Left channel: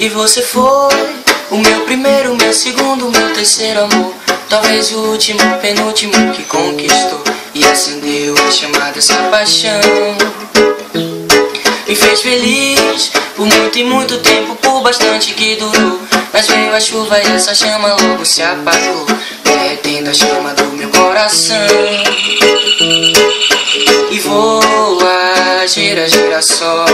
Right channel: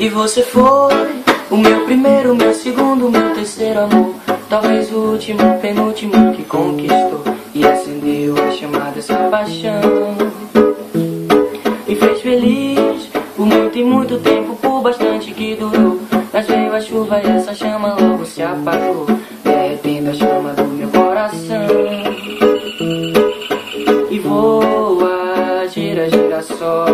E você foi o meu primeiro, meu segundo, meu terceiro amor. Talvez o último, penúltimo que conquistou e acendeu a chama dessa paixão. Me fez feliz por muito e muito tempo, por bastante que durou. Mas veio a chuva e essa chama logo se apagou, derretendo a chama do meu coração. E voa, gira, gira só,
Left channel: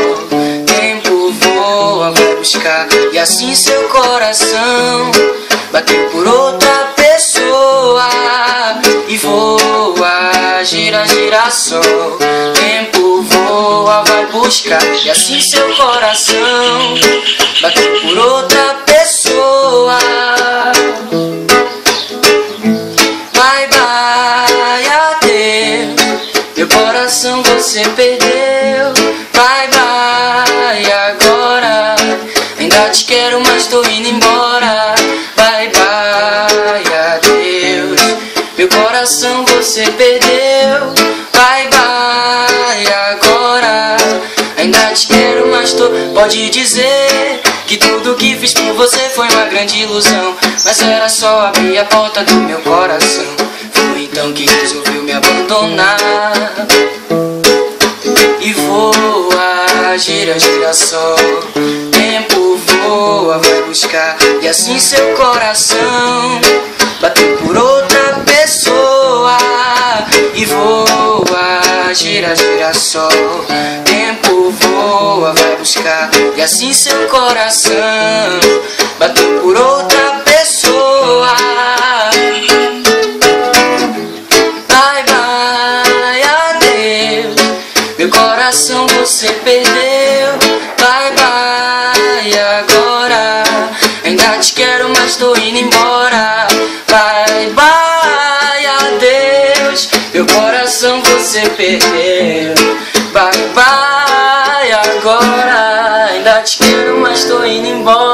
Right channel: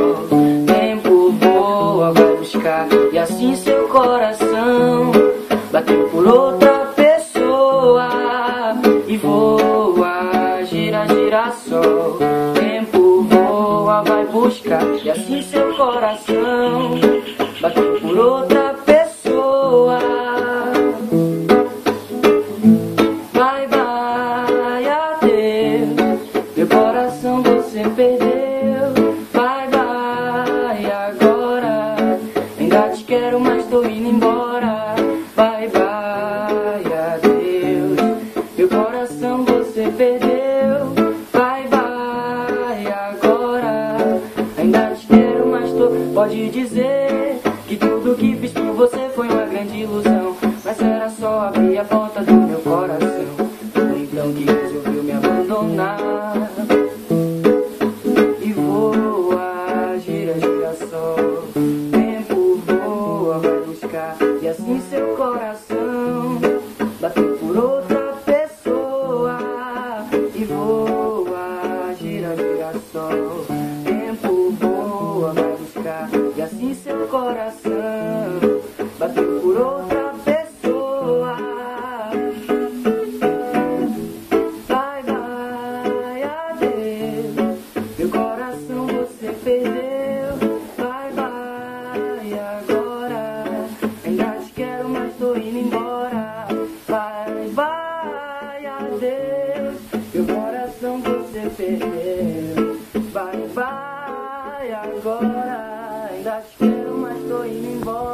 tempo voa, vai buscar. E assim seu coração bateu por outra pessoa. E voa, gira, gira só, tempo voa, vai buscar. E assim seu coração bateu por outra pessoa. Bye, bye, adeus, meu coração você perdeu. Bye, bye, agora ainda te quero, mas tô indo embora. Bye, bye, adeus, meu coração você perdeu. Bye, bye, agora ainda te quero, mas tô... Pode dizer que tudo que fiz por você foi uma grande ilusão, mas era só abrir a porta do meu coração. Foi então que resolveu me abandonar. E voa, gira, gira só, tempo voa, vai buscar. E assim seu coração bateu por outra pessoa. E voa, gira, gira só, tempo voa, vai buscar. E assim seu coração bateu por outra pessoa. Bye, bye, adeus, meu coração você perdeu. Bye, bye, agora ainda te quero, mas tô indo embora. Bye, bye, adeus, meu coração você perdeu. Bye, bye, agora ainda te quero, mas tô indo embora.